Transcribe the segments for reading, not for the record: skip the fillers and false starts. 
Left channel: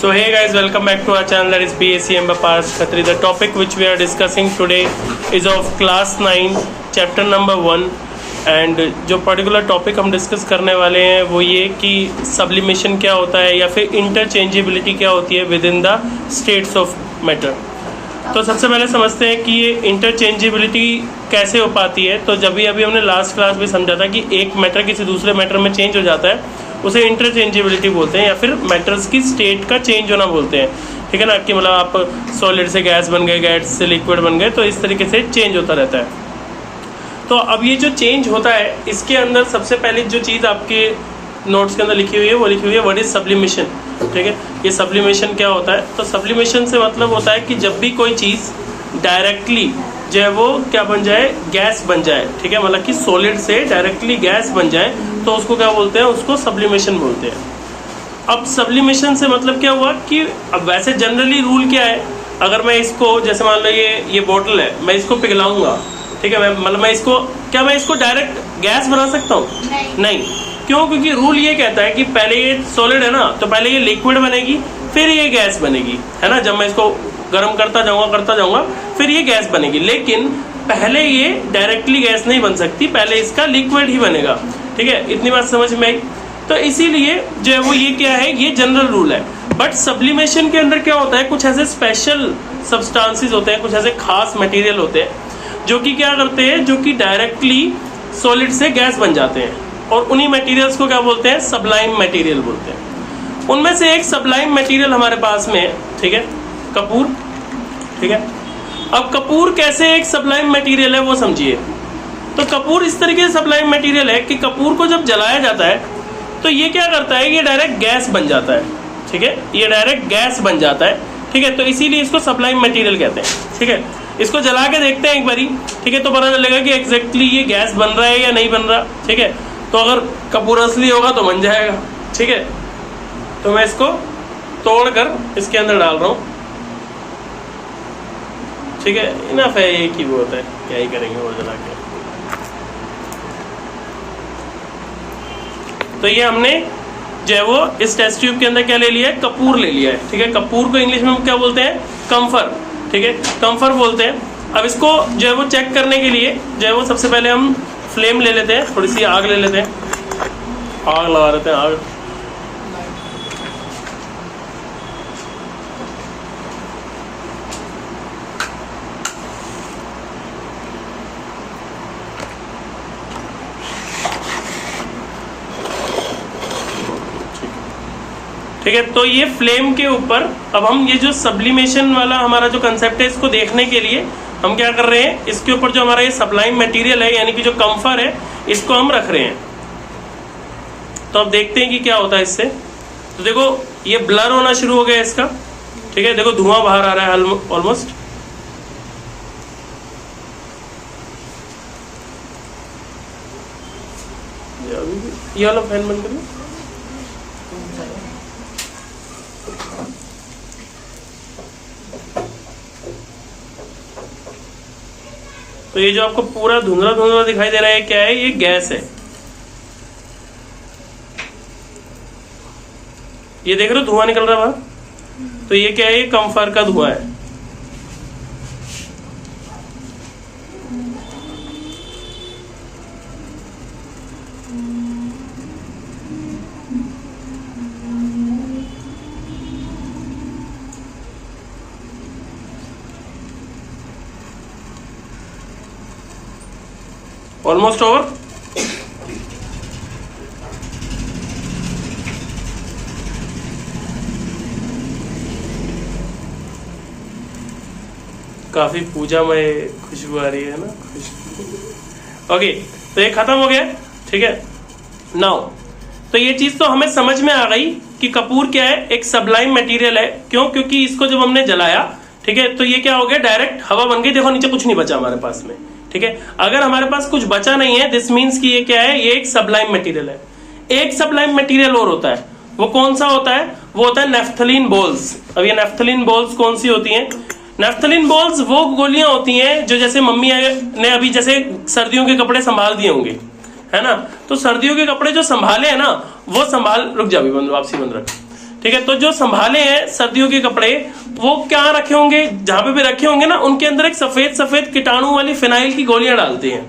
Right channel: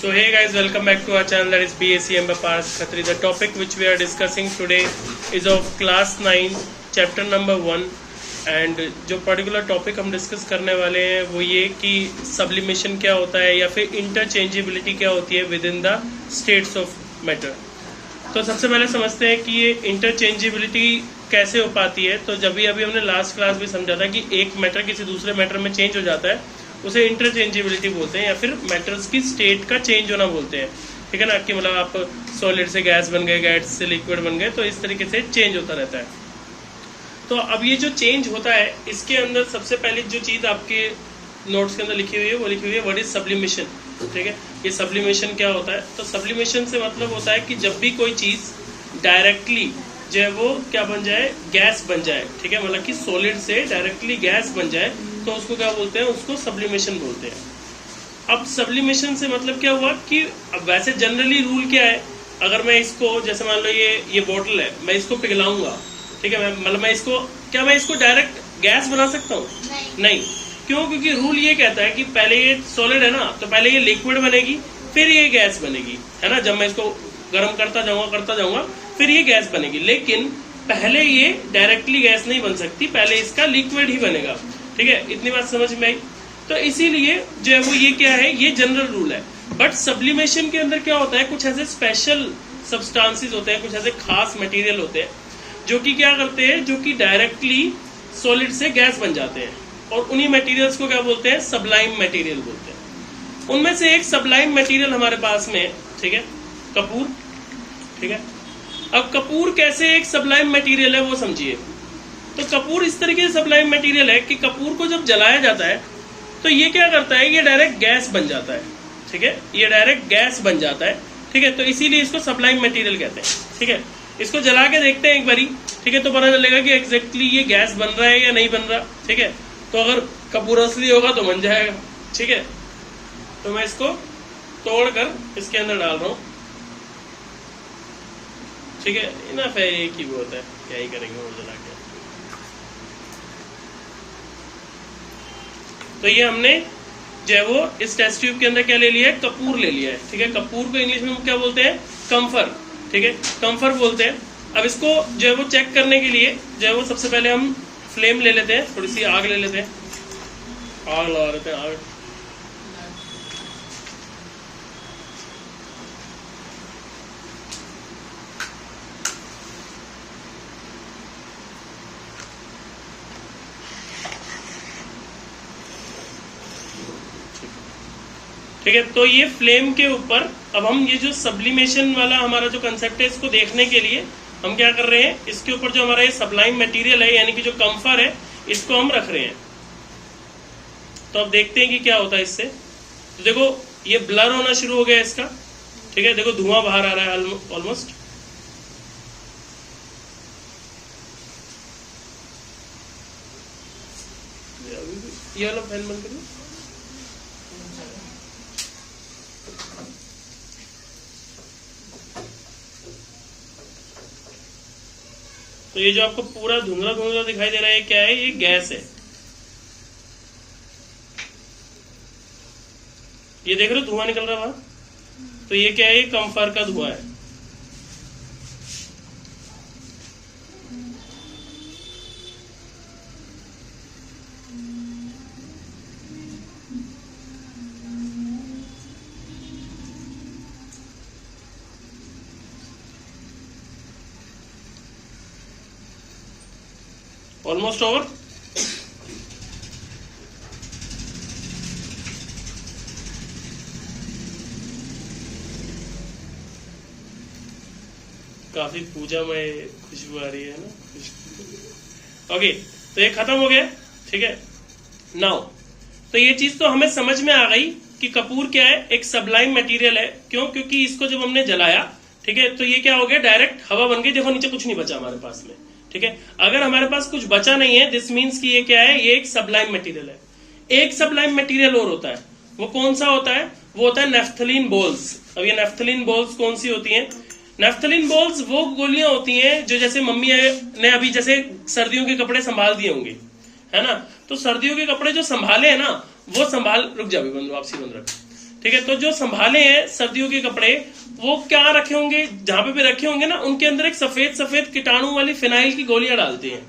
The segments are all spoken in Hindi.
So hey guys, welcome back to our channel, that is BACM by Parth Khatri. The topic which we are discussing today is of class 9 chapter number 1 and जो पर्टिकुलर टॉपिक हम डिस्कस करने वाले हैं वो ये कि सब्लिमेशन क्या होता है या फिर इंटरचेंजेबिलिटी क्या होती है with in the states of matter. तो सबसे पहले समझते हैं कि ये इंटरचेंजेबिलिटी कैसे हो पाती है। तो जब भी अभी हमने लास्ट क्लास में समझा था कि एक मैटर किसी दूसरे मैटर में चेंज हो जाता है उसे इंटरचेंजेबिलिटी बोलते हैं या फिर मैटर्स की स्टेट का चेंज होना बोलते हैं। ठीक है ना, कि मतलब आप सॉलिड से गैस बन गए, गैस से लिक्विड बन गए, तो इस तरीके से चेंज होता रहता है। तो अब ये जो चेंज होता है इसके अंदर सबसे पहले जो चीज आपके नोट्स के अंदर लिखी हुई है वो लिखी हुई है व्हाट इज सब्लिमेशन। ठीक है, ये सब्लिमेशन क्या होता है? तो सब्लिमेशन से मतलब होता है कि जब भी कोई चीज डायरेक्टली जो है वो क्या बन जाए, गैस बन जाए। ठीक है, मतलब कि सॉलिड से डायरेक्टली गैस बन जाए तो उसको क्या बोलते हैं, उसको सब्लिमेशन बोलते हैं। अब सब्लिमेशन से मतलब क्या हुआ कि अब वैसे जनरली रूल क्या है, अगर मैं इसको जैसे मान लो ये बोतल है, मैं इसको पिघलाऊंगा, ठीक है, मतलब मैं इसको डायरेक्ट गैस बना सकता हूँ? नहीं। क्यों? क्योंकि रूल ये कहता है कि पहले ये सॉलिड है ना, तो पहले ये लिक्विड बनेगी फिर ये गैस बनेगी, है ना। जब मैं इसको गर्म करता जाऊंगा फिर ये गैस बनेगी, लेकिन पहले ये डायरेक्टली गैस नहीं बन सकती, पहले इसका लिक्विड ही बनेगा। ठीक है, इतनी बात समझ में आई। तो इसीलिए जो है वो ये क्या है, ये जनरल रूल है। बट सब्लिमेशन के अंदर क्या होता है, कुछ ऐसे स्पेशल सब्सटेंसेस होते हैं, कुछ ऐसे खास मटेरियल होते हैं जो कि क्या करते हैं, जो कि डायरेक्टली सॉलिड से गैस बन जाते हैं, और उन्हीं मटेरियल्स को क्या बोलते हैं, सब्लाइम मटेरियल बोलते हैं। उनमें से एक सब्लाइम मटेरियल हमारे पास में है, ठीक है, कपूर। ठीक है, अब कपूर कैसे एक सब्लाइम मटेरियल है वो समझिए। तो कपूर इस तरीके से सब्लाइम मटेरियल है कि कपूर को जब जलाया जाता है तो ये क्या करता है, ये डायरेक्ट गैस बन जाता है। ठीक है, ये डायरेक्ट गैस बन जाता है। ठीक है, तो इसीलिए इसको सब्लाइम मटेरियल कहते हैं। ठीक है, इसको जला के देखते हैं एक बारी, ठीक है, तो पता चलेगा कि एग्जैक्टली ये गैस बन रहा है या नहीं बन रहा। ठीक है, तो अगर कपूर असली होगा तो बन जाएगा। ठीक है, तो मैं इसको तोड़कर इसके अंदर डाल रहा हूं। ठीक है, इनफ है, एक ही वो होता है, क्या ही करेंगे वो जला के। तो ये हमने जो है वो इस टेस्ट ट्यूब के अंदर क्या ले लिया है, कपूर ले लिया है। ठीक है, कपूर को इंग्लिश में हम क्या बोलते हैं, कम्फर। ठीक है, कम्फर बोलते हैं। अब इसको जो है वो चेक करने के लिए जो है वो सबसे पहले हम फ्लेम ले लेते हैं, थोड़ी सी आग ले लेते हैं, आग लगा देते हैं, आग। ठीक है, तो ये फ्लेम के ऊपर अब हम ये जो सब्लिमेशन वाला हमारा जो कंसेप्ट है इसको देखने के लिए हम क्या कर रहे हैं, इसके ऊपर जो हमारा ये सब्लाइम मटेरियल है यानी कि जो कम्फर है इसको हम रख रहे हैं। तो अब देखते हैं कि क्या होता है इससे। तो देखो ये ब्लर होना शुरू हो गया इसका। ठीक है, देखो धुआं बाहर आ रहा है ऑलमोस्ट। ये वाला फैन बंद कर लो। तो ये जो आपको पूरा धुंधला धुंधला दिखाई दे रहा है, क्या है, ये गैस है। ये देख रहे हो धुआं निकल रहा है वहां, तो ये क्या है, ये कम्फर का धुआं है। Almost over. काफी पूजामय खुशबू आ रही है ना, खुशबू। ओके, तो ये खत्म हो गया। ठीक है, नाउ तो ये चीज तो हमें समझ में आ गई कि कपूर क्या है, एक सब्लाइम मटेरियल है। क्यों? क्योंकि इसको जब हमने जलाया, ठीक है, तो ये क्या हो गया, डायरेक्ट हवा बन गई। देखो नीचे कुछ नहीं बचा हमारे पास में। ठीक है, अगर हमारे पास कुछ बचा नहीं है, दिस मीन्स कि ये क्या है, ये एक सब्लाइम मटेरियल है। एक सब्लाइम मटेरियल और होता है, वो कौन सा होता है, वो होता है नेफ्थलीन बॉल्स। अब ये नेफ्थलीन बॉल्स कौन सी होती हैं? नेफ्थलीन बॉल्स वो गोलियां होती हैं जो जैसे मम्मी ने अभी जैसे सर्दियों के कपड़े संभाल दिए होंगे, है ना, तो सर्दियों के कपड़े जो संभाले हैं ना, वो संभाल, रुक जा भी बंद, वापसी बंद रख। ठीक है। तो जो संभाले हैं सर्दियों के कपड़े वो क्या रखे होंगे, जहां पे भी रखे होंगे ना उनके अंदर एक सफेद सफेद कीटाणु वाली फिनाइल की गोलियां डालते हैं,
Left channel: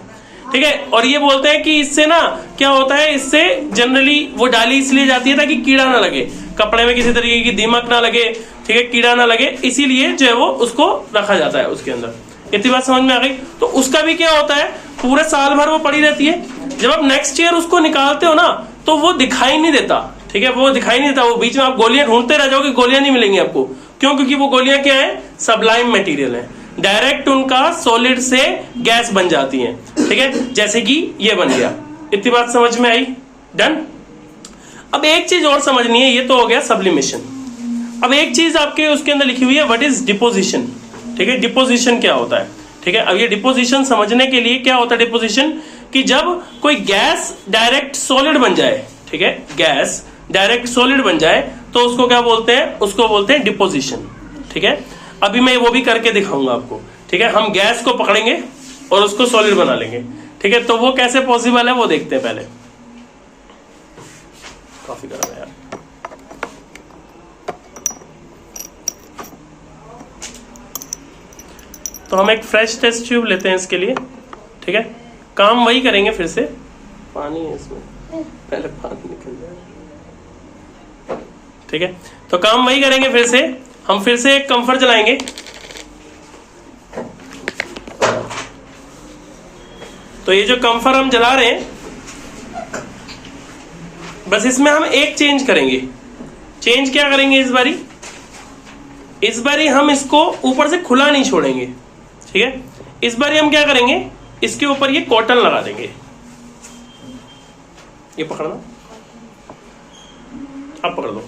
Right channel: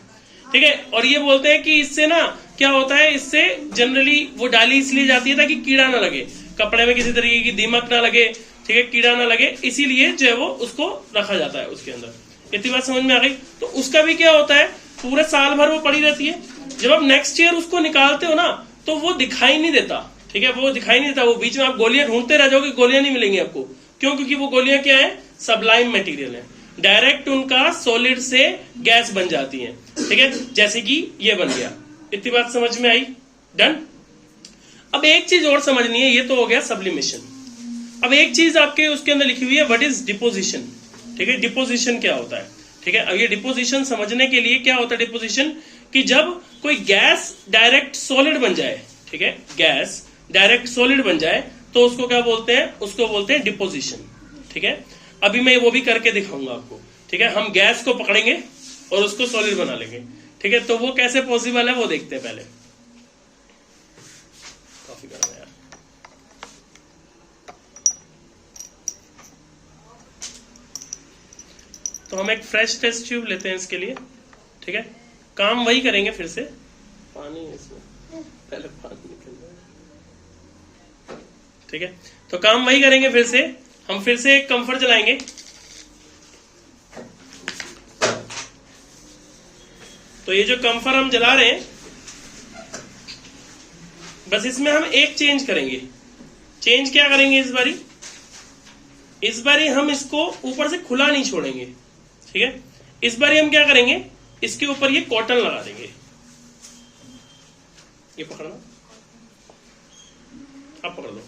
ठीक है। और ये बोलते हैं कि इससे ना क्या होता है, इससे जनरली वो डाली इसलिए जाती है ताकि कीड़ा ना लगे, कपड़े में किसी तरीके की दीमक ना लगे, ठीक है, कीड़ा ना लगे, इसीलिए जो है वो उसको रखा जाता है उसके अंदर। इतनी बात समझ में आ गई। तो उसका भी क्या होता है, पूरे साल भर वो पड़ी रहती है, जब आप नेक्स्ट ईयर उसको निकालते हो ना तो वो दिखाई नहीं देता, ठीक है, वो दिखाई नहीं देता, वो बीच में आप गोलियां ढूंढते रह जाओगे, गोलियां नहीं मिलेंगी आपको। क्यों? क्योंकि वो गोलियां क्या है, सबलाइम मटेरियल है, डायरेक्ट उनका सॉलिड से गैस बन जाती है, ठीक है, जैसे कि ये बन गया। इतनी बात समझ में आई? डन। अब एक चीज और समझनी है, ये तो हो गया सब्लिमेशन। अब एक चीज आपके उसके अंदर लिखी हुई है, व्हाट इज डिपोजिशन, ठीक है, डिपोजिशन क्या होता है, ठीक है। अब ये डिपोजिशन समझने के लिए क्या होता है डिपोजिशन, कि जब कोई गैस डायरेक्ट सॉलिड बन जाए, ठीक है, गैस डायरेक्ट सॉलिड बन जाए तो उसको क्या बोलते हैं, उसको बोलते हैं डिपोजिशन, ठीक है। अभी मैं वो भी करके दिखाऊंगा आपको, ठीक है। हम गैस को पकड़ेंगे और उसको सॉलिड बना लेंगे, ठीक है। तो वो कैसे पॉसिबल है वो देखते हैं पहले। काफी गर्म है यार। तो हम एक फ्रेश टेस्ट ट्यूब लेते हैं इसके लिए, ठीक है। काम वही करेंगे फिर से, पानी है इसमें, पहले पानी निकल जाए, ठीक है। तो काम वही करेंगे फिर से, हम फिर से एक कंफर्ट जलाएंगे, तो ये जो कंफर्ट हम जला रहे हैं, बस इसमें हम एक चेंज करेंगे। चेंज क्या करेंगे इस बारी हम इसको ऊपर से खुला नहीं छोड़ेंगे, ठीक है। इस बारी हम क्या करेंगे, इसके ऊपर ये कॉटन लगा देंगे, ये पकड़ना, आप पकड़ लो।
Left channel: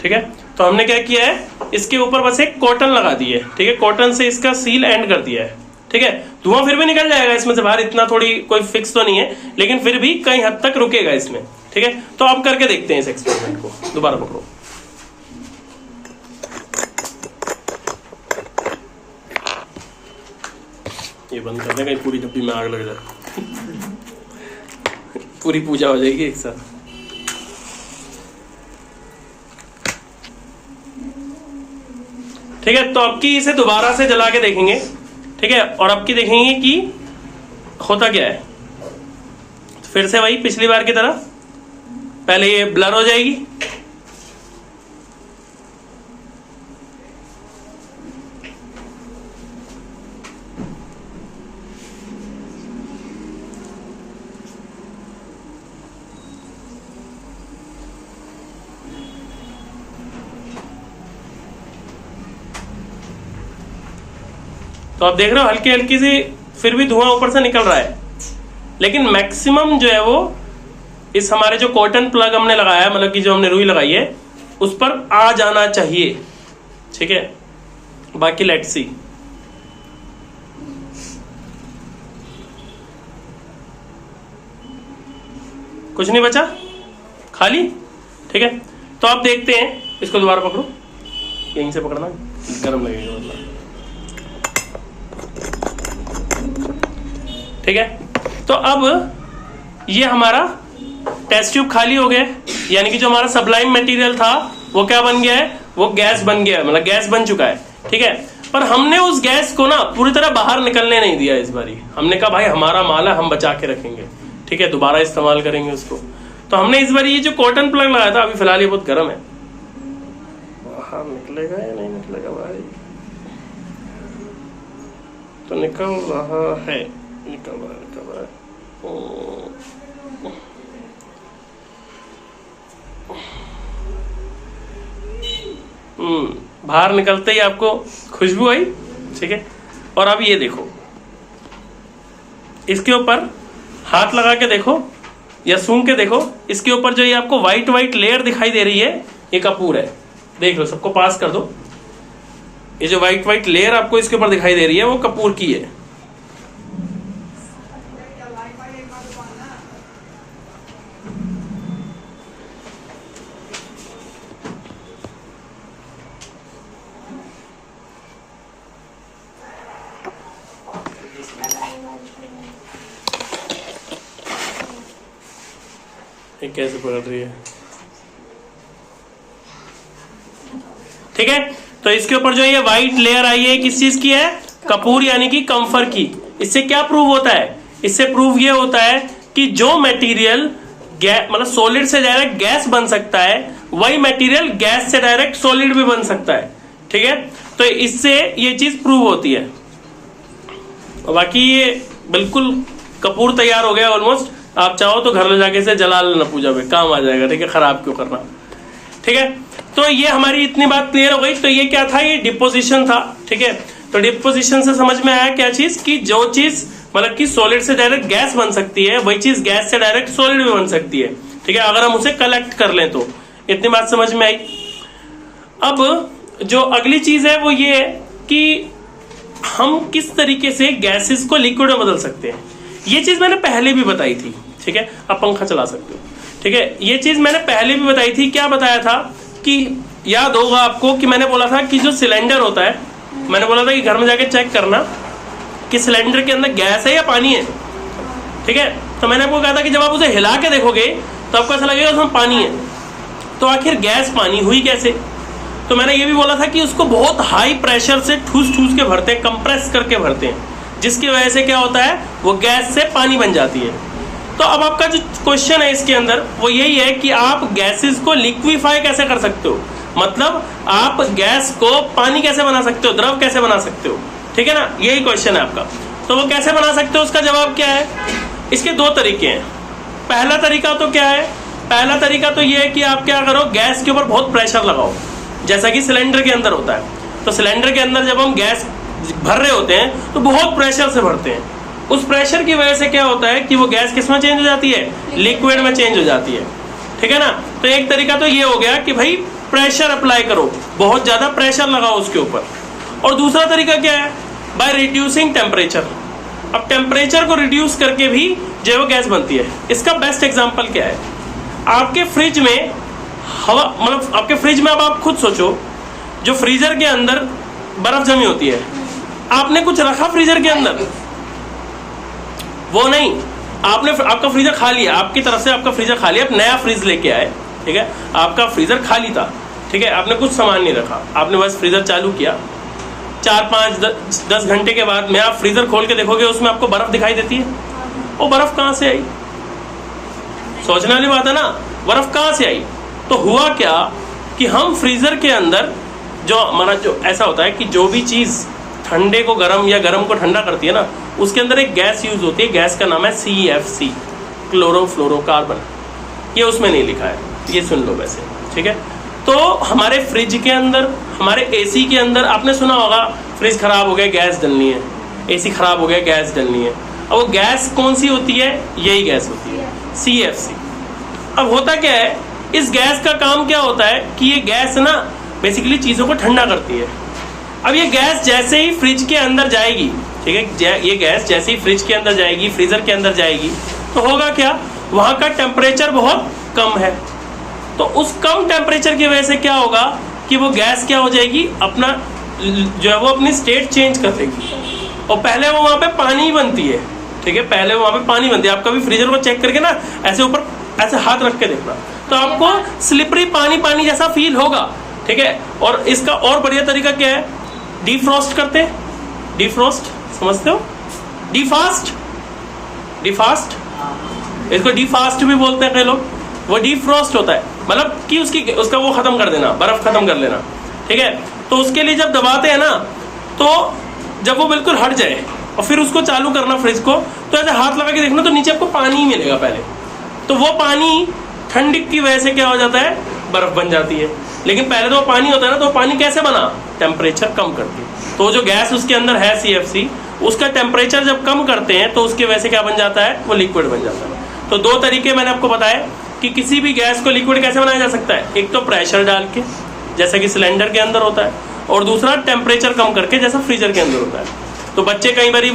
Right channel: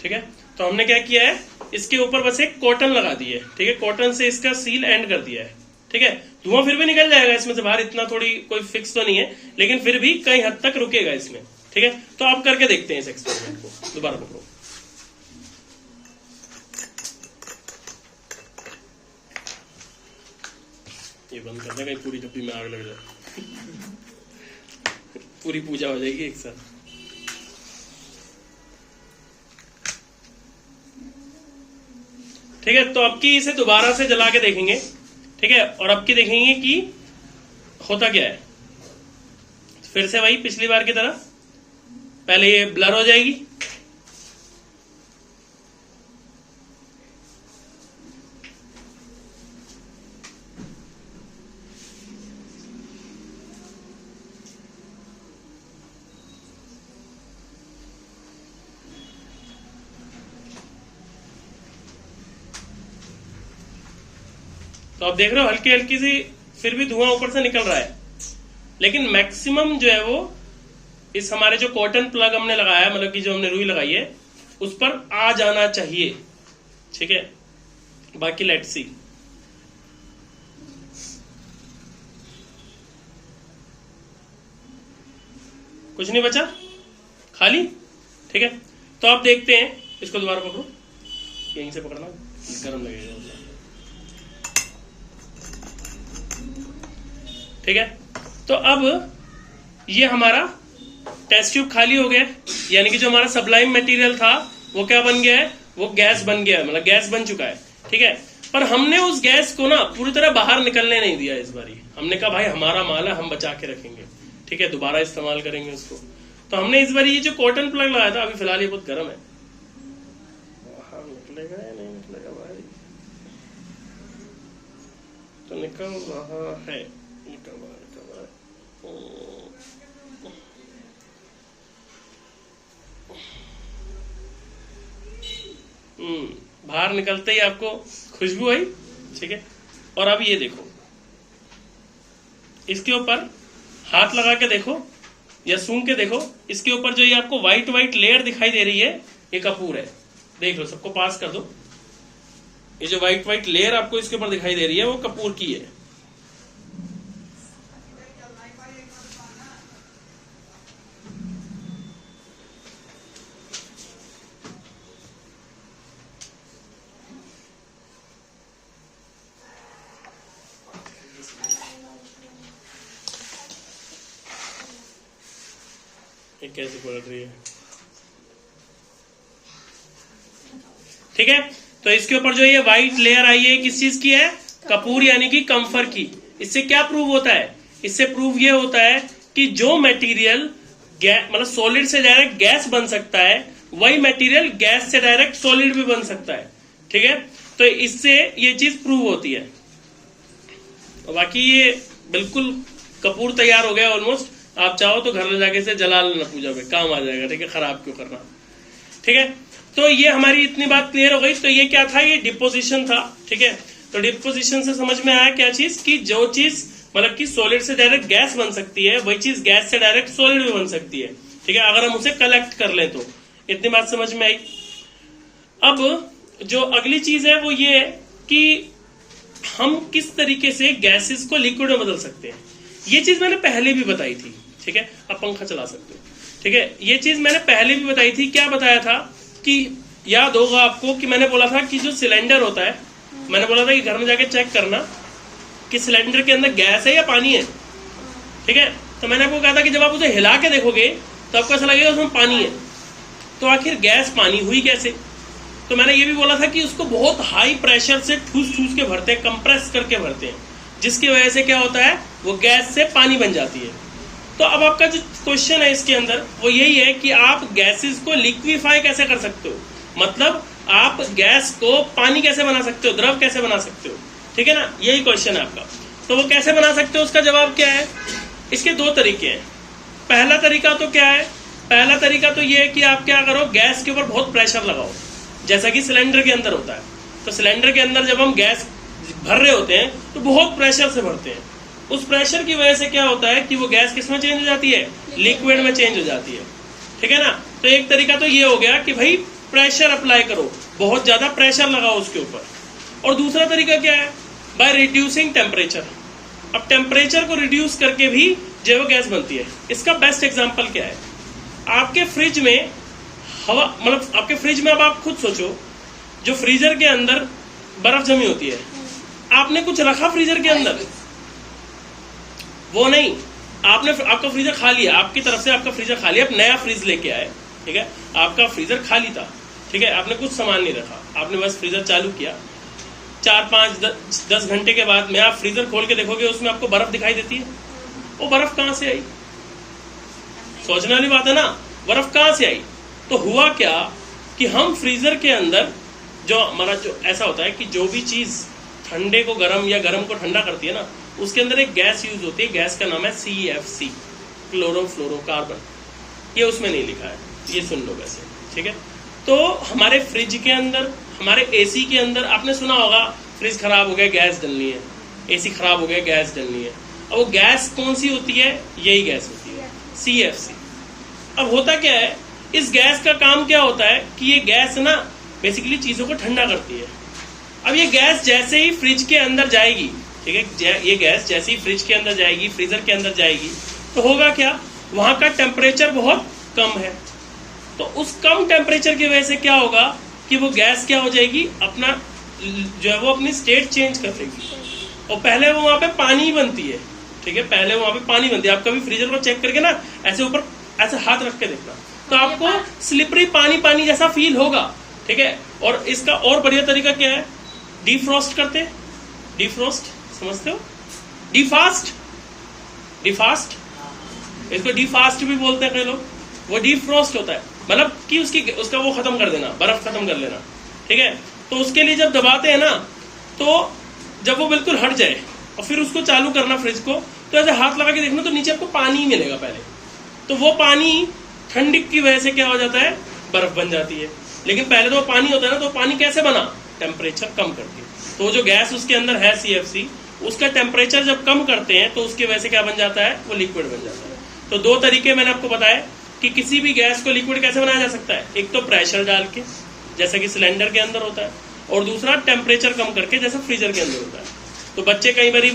ठीक है। तो हमने क्या किया है, इसके ऊपर बस एक कॉटन लगा दी है, ठीक है, कॉटन से इसका सील एंड कर दिया है, ठीक है। धुआं फिर भी निकल जाएगा इसमें से बाहर, इतना थोड़ी कोई फिक्स तो नहीं है, लेकिन फिर भी कई हद तक रुकेगा इसमें, ठीक है। तो अब करके देखते हैं इस एक्सपेरिमेंट को। दोबारा पकड़ो, ये बंद कर देगा, पूरी डब्बी में आग लग जाए पूरी पूजा हो जाएगी एक साथ। ठीक है। तो अब की इसे दोबारा से जला के देखेंगे, ठीक है, और अब की देखेंगे कि होता क्या है। तो फिर से वही पिछली बार की तरह, पहले ये ब्लर हो जाएगी, तो आप देख रहे हो हल्की हल्की सी फिर भी धुआं ऊपर से निकल रहा है, लेकिन मैक्सिमम जो है वो इस हमारे जो कॉटन प्लग हमने लगाया, मतलब कि जो हमने रुई लगाई है उस पर आ जाना चाहिए, ठीक है। बाकी लेट्स सी। कुछ नहीं बचा, खाली, ठीक है। तो आप देखते हैं, इसको दोबारा पकड़ो, यहीं से पकड़ना, गर्म लगेगा मतलब, ठीक है। तो अब ये हमारा टेस्ट ट्यूब खाली हो गया, यानी कि जो हमारा सबलाइम मटेरियल था वो क्या बन गया है, वो गैस बन गया है, मतलब गैस बन चुका है, ठीक है। पर हमने उस गैस को ना पूरी तरह बाहर निकलने नहीं दिया इस बारी। हमने कहा भाई हमारा माल है, हम बचा के रखेंगे, ठीक है, दोबारा इस्तेमाल करेंगे उसको। तो हमने इस बारी ये जो कॉटन प्लग लगाया था, अभी फिलहाल ये बहुत गर्म है, बाहर निकलेगा या नहीं निकलेगा भाई, तो निकल रहा है, निकल रहा है। बाहर निकलते ही आपको खुशबू आई, ठीक है। और अब ये देखो, इसके ऊपर हाथ लगा के देखो या सूंघ के देखो, इसके ऊपर जो ये आपको व्हाइट व्हाइट लेयर दिखाई दे रही है, ये कपूर है। देख लो, सबको पास कर दो। ये जो व्हाइट व्हाइट लेयर आपको इसके ऊपर दिखाई दे रही है वो कपूर की है। ये कैसे पकड़ रही है? ठीक है, तो इसके ऊपर जो ये व्हाइट लेयर आई है किस चीज की है? कपूर यानी कि कम्फर की। इससे क्या प्रूव होता है? इससे प्रूव ये होता है कि जो मटेरियल मतलब सॉलिड से डायरेक्ट गैस बन सकता है, वही मटेरियल गैस से डायरेक्ट सॉलिड भी बन सकता है। ठीक है, तो इससे ये चीज प्रूव होती है। बाकी ये बिल्कुल कपूर तैयार हो गया ऑलमोस्ट। आप चाहो तो घर ले जाके इसे जला लेना, पूजा में काम आ जाएगा। ठीक है, खराब क्यों करना। ठीक है, तो ये हमारी इतनी बात क्लियर हो गई। तो ये क्या था? ये डिपोजिशन था। ठीक है, तो डिपोजिशन से समझ में आया क्या चीज? कि जो चीज मतलब कि सॉलिड से डायरेक्ट गैस बन सकती है, वही चीज गैस से डायरेक्ट सॉलिड भी बन सकती है। ठीक है, अगर हम उसे कलेक्ट कर लें तो। इतनी बात समझ में आई। अब जो अगली चीज है वो ये है कि हम किस तरीके से गैसेस को लिक्विड में बदल सकते हैं। ये चीज मैंने पहले भी बताई थी। ठीक है, आप पंखा चला सकते हो। ठीक है, ये चीज मैंने पहले भी बताई थी। क्या बताया था कि याद होगा आपको कि मैंने बोला था कि जो सिलेंडर होता है, मैंने बोला था कि घर में जाके चेक करना कि सिलेंडर के अंदर गैस है या पानी है। ठीक है, तो मैंने आपको कहा था कि जब आप उसे हिला के देखोगे तो आपको ऐसा लगेगा उसमें पानी है। तो आखिर गैस पानी हुई कैसे? तो मैंने ये भी बोला था कि उसको बहुत हाई प्रेशर से ठूस के भरते हैं, कंप्रेस करके भरते हैं, जिसकी वजह से क्या होता है? वो गैस से पानी बन जाती है। तो अब आपका जो क्वेश्चन है इसके अंदर वो यही है कि आप गैसेस को लिक्विफाई कैसे कर सकते हो, मतलब आप गैस को पानी कैसे बना सकते हो, द्रव कैसे बना सकते हो। ठीक है ना, यही क्वेश्चन है आपका। तो वो कैसे बना सकते हो, उसका जवाब क्या है? इसके दो तरीके हैं। पहला तरीका तो क्या है? पहला तरीका तो ये है कि आप क्या करो, गैस के ऊपर बहुत प्रेशर लगाओ, जैसा कि सिलेंडर के अंदर होता है। तो सिलेंडर के अंदर जब हम गैस भर रहे होते हैं तो बहुत प्रेशर से भरते हैं। उस प्रेशर की वजह से क्या होता है कि वो गैस किस में चेंज हो जाती है? लिक्विड में चेंज हो जाती है। ठीक है ना, तो एक तरीका तो ये हो गया कि भाई प्रेशर अप्लाई करो, बहुत ज्यादा प्रेशर लगाओ उसके ऊपर। और दूसरा तरीका क्या है? By reducing temperature. अब टेम्परेचर को रिड्यूस करके भी जो है वो गैस बनती है। इसका बेस्ट एग्जांपल क्या है? आपके फ्रिज में हवा, मतलब आपके फ्रिज में, अब आप खुद सोचो, जो फ्रीजर के अंदर बर्फ जमी होती है, आपने कुछ रखा फ्रीजर के अंदर? वो नहीं, आपने आपका फ्रीजर खाली है, आपकी तरफ से आपका फ्रीजर खाली है, आप नया फ्रिज लेके आए। ठीक है, आपका फ्रीजर खाली था। ठीक है, आपने कुछ सामान नहीं रखा, आपने बस फ्रीजर चालू किया। 4-5-10 घंटे के बाद में आप फ्रीजर खोल के देखोगे, उसमें आपको बर्फ दिखाई देती है। वो बर्फ कहां से आई? सोचने वाली बात है ना, बर्फ कहां से आई? तो हुआ क्या कि हम फ्रीजर के अंदर जो हमारा जो ऐसा होता है कि जो भी चीज ठंडे को गर्म या गर्म को ठंडा करती है ना, उसके अंदर एक गैस यूज होती है। गैस का नाम है CFC, क्लोरोफ्लोरोकार्बन। ये उसमें नहीं लिखा है, ये सुन लो वैसे। ठीक है, तो हमारे फ्रिज के अंदर, हमारे AC के अंदर आपने सुना होगा, फ्रिज खराब हो गया गैस डलनी है, AC खराब हो गया गैस डलनी है। अब वो गैस कौन सी होती है? यही गैस होती है, CFC। अब होता क्या है, इस गैस का काम क्या होता है कि ये गैस ना बेसिकली चीजों को ठंडा करती है। अब ये गैस जैसे ही फ्रिज के अंदर जाएगी, ठीक है, ये गैस जैसे ही फ्रिज के अंदर जाएगी, फ्रीजर के अंदर जाएगी, तो होगा क्या? वहां का टेम्परेचर बहुत कम है। तो उस कम टेम्परेचर की वजह से क्या होगा कि वो गैस क्या हो जाएगी, अपना जो है वो अपनी स्टेट चेंज कर देगी। और पहले वो वहां पे पानी बनती है। ठीक है, पहले वहां पे पानी बनती है। आप कभी फ्रीजर को चेक करके ना ऐसे ऊपर ऐसे हाथ रख के देखना, तो आपको स्लिपरी पानी पानी जैसा फील होगा। ठीक है, और इसका और बढ़िया तरीका क्या है? डिफ्रॉस्ट करते हैं। डिफ्रॉस्ट समझते हो? डिफास्ट, डिफास्ट, इसको डिफास्ट भी बोलते हैं कई लोग। वो डिफ्रॉस्ट होता है, मतलब कि उसका वो खत्म कर देना, बर्फ खत्म कर लेना। ठीक है, तो उसके लिए जब दबाते हैं ना, तो जब वो बिल्कुल हट जाए और फिर उसको चालू करना फ्रिज को, तो ऐसे हाथ लगा के देखना, तो नीचे आपको पानी ही मिलेगा पहले। तो वो पानी ठंडी की वजह से क्या हो जाता है? बर्फ बन जाती है। लेकिन पहले तो वो पानी होता है ना, तो पानी कैसे बना? टेम्परेचर कम करके। तो जो गैस उसके अंदर है CFC, उसका टेम्परेचर जब कम करते हैं तो उसकी वजह से क्या बन जाता है? वो लिक्विड बन जाता है। तो दो तरीके मैंने आपको बताया कि किसी भी गैस को लिक्विड कैसे बनाया जा सकता है। एक तो प्रेशर डाल के, जैसा कि सिलेंडर के अंदर होता है, और दूसरा टेम्परेचर कम करके, जैसा फ्रीजर के अंदर होता है। तो बच्चे कई बार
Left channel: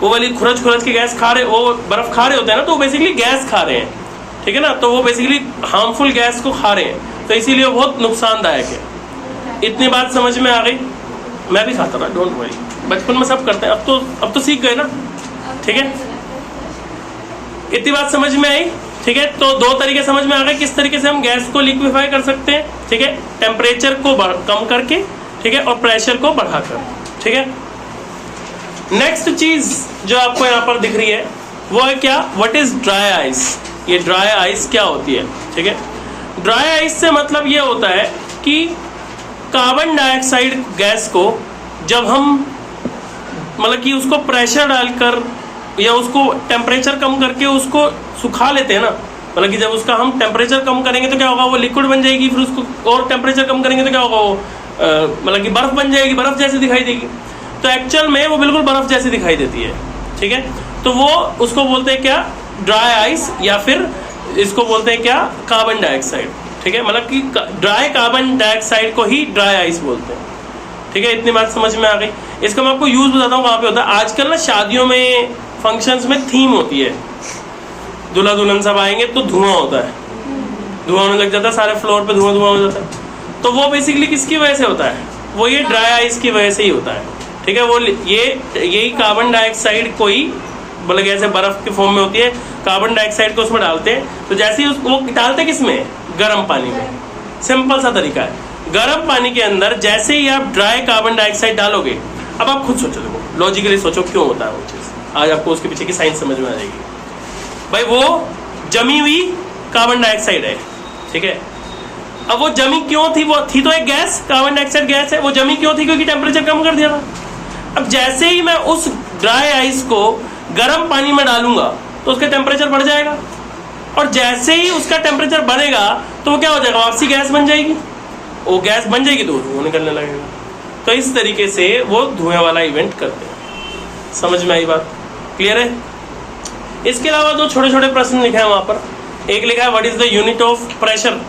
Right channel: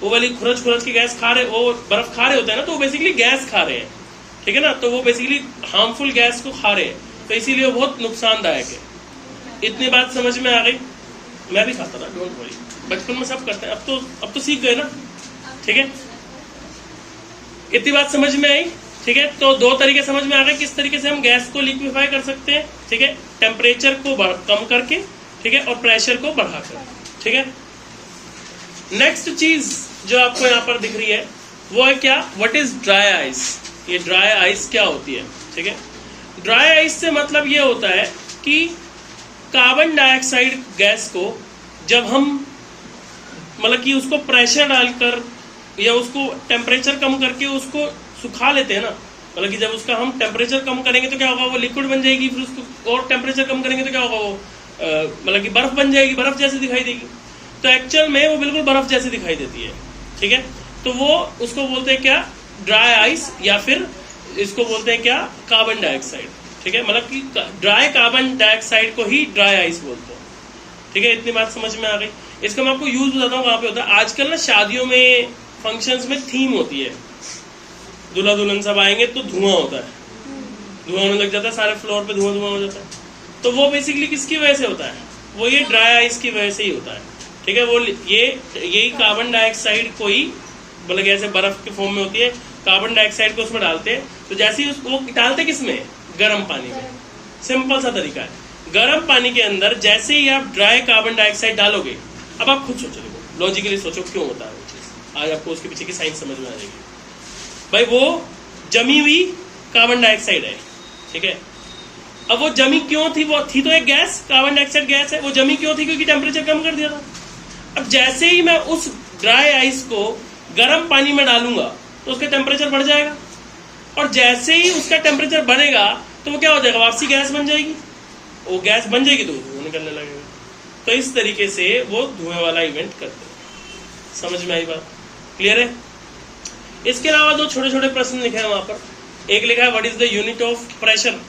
वो वाली खुरच के गैस खा रहे, वो बर्फ खा रहे होते हैं ना, तो वो बेसिकली गैस खा रहे हैं। ठीक है ना, तो वो बेसिकली हार्मफुल गैस को खा रहे हैं, तो इसीलिए वो बहुत नुकसानदायक है। इतनी बात समझ में आ गई? मैं भी खाता था, डोंट वरी, बचपन में सब करते हैं। अब तो सीख गए ना। ठीक है, इतनी बात समझ में आई। ठीक है, तो दो तरीके समझ में आ गए किस तरीके से हम गैस को लिक्विफाई कर सकते हैं। ठीक है, टेम्परेचर को कम करके, ठीक है, और प्रेशर को बढ़ाकर। ठीक है, नेक्स्ट चीज जो आपको यहाँ पर दिख रही है वो है क्या, व्हाट इज ड्राई आइस। ये ड्राई आइस क्या होती है। ठीक है, ड्राई आइस से मतलब ये होता है कि कार्बन डाइऑक्साइड गैस को जब हम मतलब कि उसको प्रेशर डालकर या उसको टेम्परेचर कम करके उसको सुखा लेते हैं ना, मतलब कि जब उसका हम टेम्परेचर कम करेंगे तो क्या होगा, वो लिक्विड बन जाएगी, फिर उसको और टेम्परेचर कम करेंगे तो क्या होगा, वो मतलब कि बर्फ बन जाएगी, बर्फ जैसी दिखाई देगी। तो एक्चुअल में वो बिल्कुल बर्फ जैसी दिखाई देती है। ठीक है, तो वो उसको बोलते हैं क्या, ड्राई आइस, या फिर इसको बोलते हैं क्या, कार्बन डाइऑक्साइड। ठीक है, मतलब कि ड्राई कार्बन डाइऑक्साइड को ही ड्राई आइस बोलते हैं। ठीक है, इतनी बात समझ में आ गई। इसका मैं आपको यूज बताता हूँ कहाँ पे होता है। आजकल ना शादियों में, फंक्शंस में थीम होती है, दूल्हा दुल्हन सब आएंगे तो धुआं होता है, धुआं होने लग जाता है, सारे फ्लोर पे धुआं धुआं हो जाता है। तो वो बेसिकली किसकी वजह से होता है, वो ये ड्राई आइस की वजह से ही होता है। ठीक है, वो यही कार्बन डाइऑक्साइड को ही मतलब जैसे बर्फ के फॉर्म में होती है, कार्बन डाइऑक्साइड को उसमें डालते हैं, तो जैसे ही वो डालते किसमें, गर्म पानी में। सिंपल सा तरीका है, गर्म पानी के अंदर जैसे ही आप ड्राई कार्बन डाइऑक्साइड डालोगे, अब आप खुद सोचो, देखो लॉजिकली सोचो क्यों होता है वो चीज, आज आपको उसके पीछे की साइंस समझ में आ जाएगी। भाई वो जमी हुई कार्बन डाइऑक्साइड है। ठीक है, अब वो जमी क्यों थी, वो थी तो एक गैस, कार्बन डाइऑक्साइड गैस है, वो जमी क्यों थी, क्योंकि टेम्परेचर कम कर दिया था। अब जैसे ही मैं उस ड्राई आइस को गर्म पानी में डालूंगा तो उसका टेम्परेचर बढ़ जाएगा, और जैसे ही उसका टेम्परेचर बढ़ेगा तो वो क्या हो जाएगा, वापसी गैस बन जाएगी। वो गैस बन जाएगी तो धुआं निकलने लगेगा। तो इस तरीके से वो धुएं वाला इवेंट करते हैं। समझ में आई बात, क्लियर है। इसके अलावा दो छोटे छोटे प्रश्न लिखे हैं वहां पर। एक लिखा है what is the unit of pressure,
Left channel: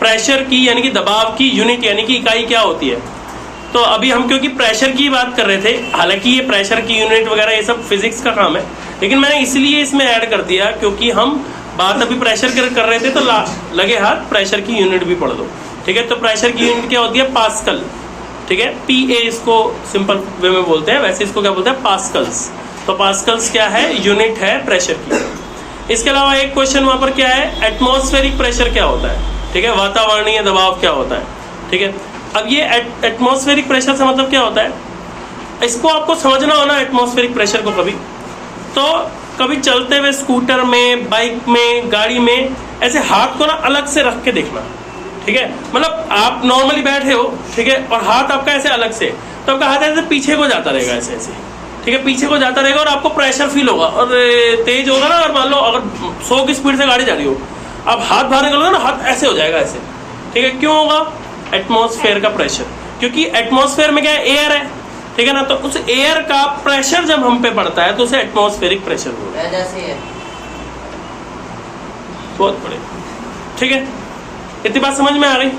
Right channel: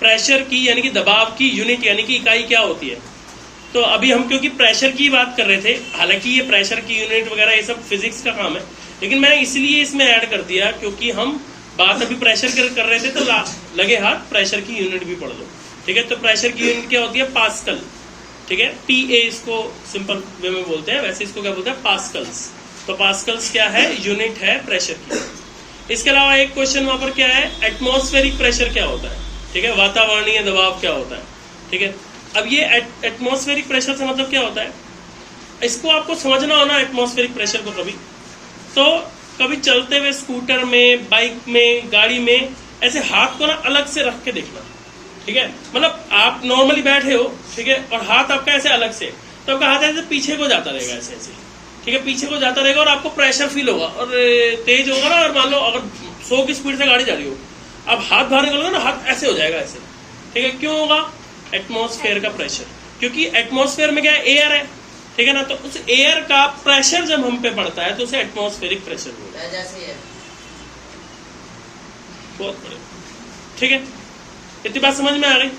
pressure की यानी कि दबाव की यूनिट यानी कि इकाई क्या होती है। तो अभी हम क्योंकि प्रेशर की बात कर रहे थे, हालांकि ये प्रेशर की यूनिट वगैरह ये सब फिजिक्स का काम है, लेकिन मैंने इसलिए इसमें ऐड कर दिया क्योंकि हम बात अभी प्रेशर कर रहे थे, तो लगे हाथ प्रेशर की यूनिट भी पढ़ लो। ठीक है, तो प्रेशर की यूनिट क्या होती है, पास्कल। ठीक है, PA इसको सिंपल वे में बोलते हैं, वैसे इसको क्या बोलते हैं, पास्कल्स। तो पास्कल्स क्या है, यूनिट है प्रेशर की। इसके अलावा एक क्वेश्चन वहां पर क्या है, एटमॉस्फेरिक प्रेशर क्या होता है। ठीक है, वातावरणीय दबाव क्या होता है। ठीक है, अब ये एटमॉस्फेरिक प्रेशर से मतलब क्या होता है, इसको आपको समझना हो ना एटमॉस्फेरिक प्रेशर को, कभी चलते हुए स्कूटर में, बाइक में, गाड़ी में ऐसे हाथ को ना अलग से रख के देखना। ठीक है, मतलब आप नॉर्मली बैठे हो, ठीक है, और हाथ आपका ऐसे अलग से, तो आपका हाथ ऐसे पीछे को जाता रहेगा, ऐसे ऐसे। ठीक है, पीछे को जाता रहेगा और आपको प्रेशर फील होगा और तेज होगा ना। और मान लो अगर 100 की स्पीड से गाड़ी जा रही हो, आप हाथ बाहर निकलोगे ना, हाथ ऐसे हो जाएगा ऐसे। ठीक है, क्यों होगा, एटमॉस्फेयर का प्रेशर, क्योंकि एटमॉस्फेयर में क्या है, एयर है। ठीक है ना, तो उस एयर का प्रेशर जब हम पे पड़ता है तो उसे एटमॉस्फेरिक प्रेशर बोलते हैं। बहुत बड़े। ठीक है, इतनी बात समझ में आ गई।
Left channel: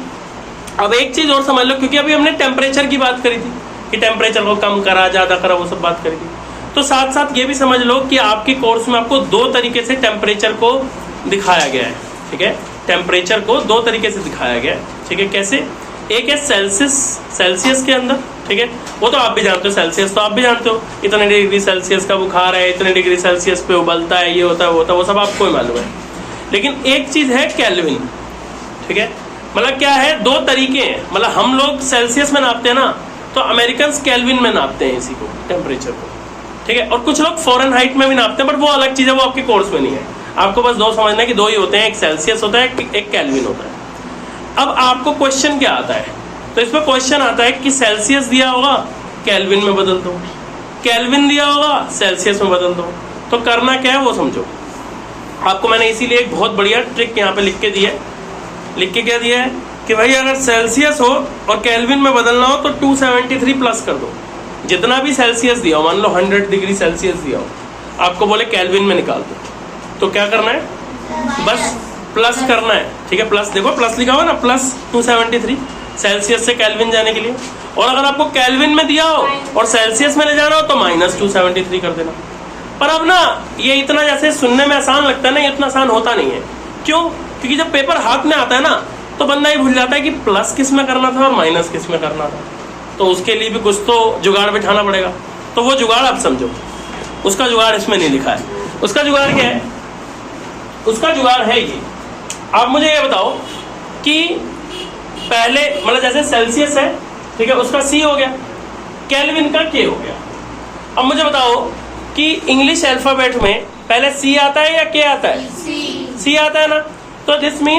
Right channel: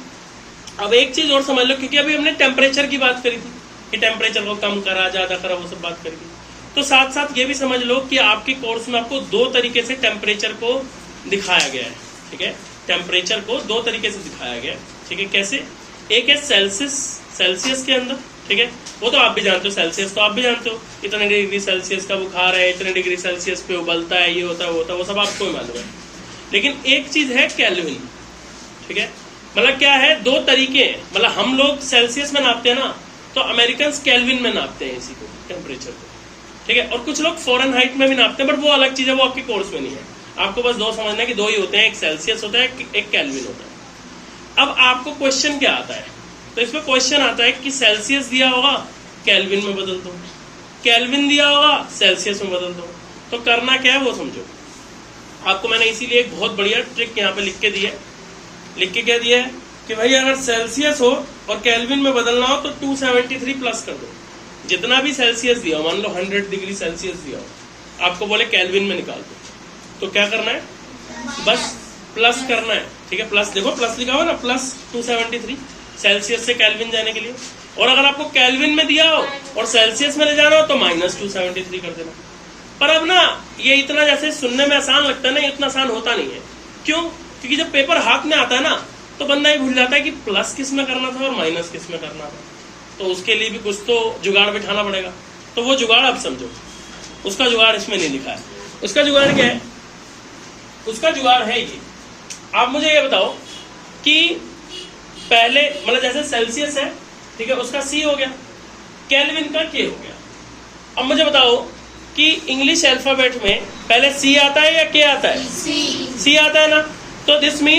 अब एक चीज और समझ लो, क्योंकि अभी हमने टेम्परेचर की बात करी थी कि टेम्परेचर को कम करा, ज्यादा करा, वो सब बात करी थी। तो साथ साथ ये भी समझ लो कि आपके कोर्स में आपको दो तरीके से टेम्परेचर को दिखाया गया है। ठीक है, टेम्परेचर को दो तरीके से दिखाया गया है। ठीक है, कैसे, एक है सेल्सियस के अंदर। ठीक है, वो तो आप भी जानते हो, सेल्सियस तो आप भी जानते हो, इतने डिग्री सेल्सियस का बुखार है, इतने डिग्री सेल्सियस पे उबलता है, ये होता है, वो होता है, वो सब आपको ही मालूम है। लेकिन एक चीज है केल्विन। ठीक है, मतलब क्या है, दो तरीके हैं। मतलब हम लोग सेल्सियस में नापते हैं ना, तो अमेरिकन केल्विन में नापते हैं इसी को, टेम्परेचर को। ठीक है, और कुछ लोग फॉरेनहाइट में भी नापते हैं, बट वो अलग चीज है, वो आपके कोर्स में नहीं है। आपको बस दो समझना है कि दो ही होते हैं, एक सेल्सियस होता है, एक केल्विन होता है। अब आपको क्वेश्चन क्या आता है, तो इसमें क्वेश्चन आता है कि सेल्सियस दिया होगा, केल्विन में बदल दो, केल्विन दिया होगा, सेल्सियस में बदल दो। तो करना क्या है वो समझो। आपको मैंने इसीलिए एक बहुत बढ़िया ट्रिक यहाँ पे लिख के दी है। लिख के क्या दिया है कि भाई अगर सेल्सियस हो और केल्विन में बदलना हो तो 273 प्लस कर दो। जितना भी सेल्सियस दिया हो, मान लो 100 डिग्री सेल्सियस दिया हो, आपको बोले केल्विन में निकाल दो, तो क्या करना है, बस प्लस करना है। ठीक है, प्लस देखो, प्लस लिखा हुआ ना, प्लस 273 सेल्सियस से केल्विन जाने के लिए। और अगर आपको केल्विन में दिया हो और सेल्सियस में ले जाना हो तो माइनस 273 कर देना। पर अब ना ये इतना जैसे सुनने में आसान लगता है ना, ये इतना आसान होता नहीं है। क्यों, क्योंकि जब पेपर हाथ में आता है ना, तो बंदा ये भूल जाता है कि प्लस किस में करना था और माइनस किस में करना था। तो उसके लिए भी कुछ तो जुगाड़ बिठाना पड़ेगा। तो वो जुगाड़ आप समझो। उसका जुगाड़ इसमें नहीं लिखा है। उसका जुगाड़ क्या है? उसका जुगाड़ है ये, आप मुझे ये बताओ कि पहले मतलब जैसे सेल्सियस है, ठीक है, उसका C हो गया, केल्विन का K हो गया। अब मुझे बताओ कि इंग्लिश अल्फाबेट में पहले C आता है या K आता है? C आता है ना, तो दिस मीन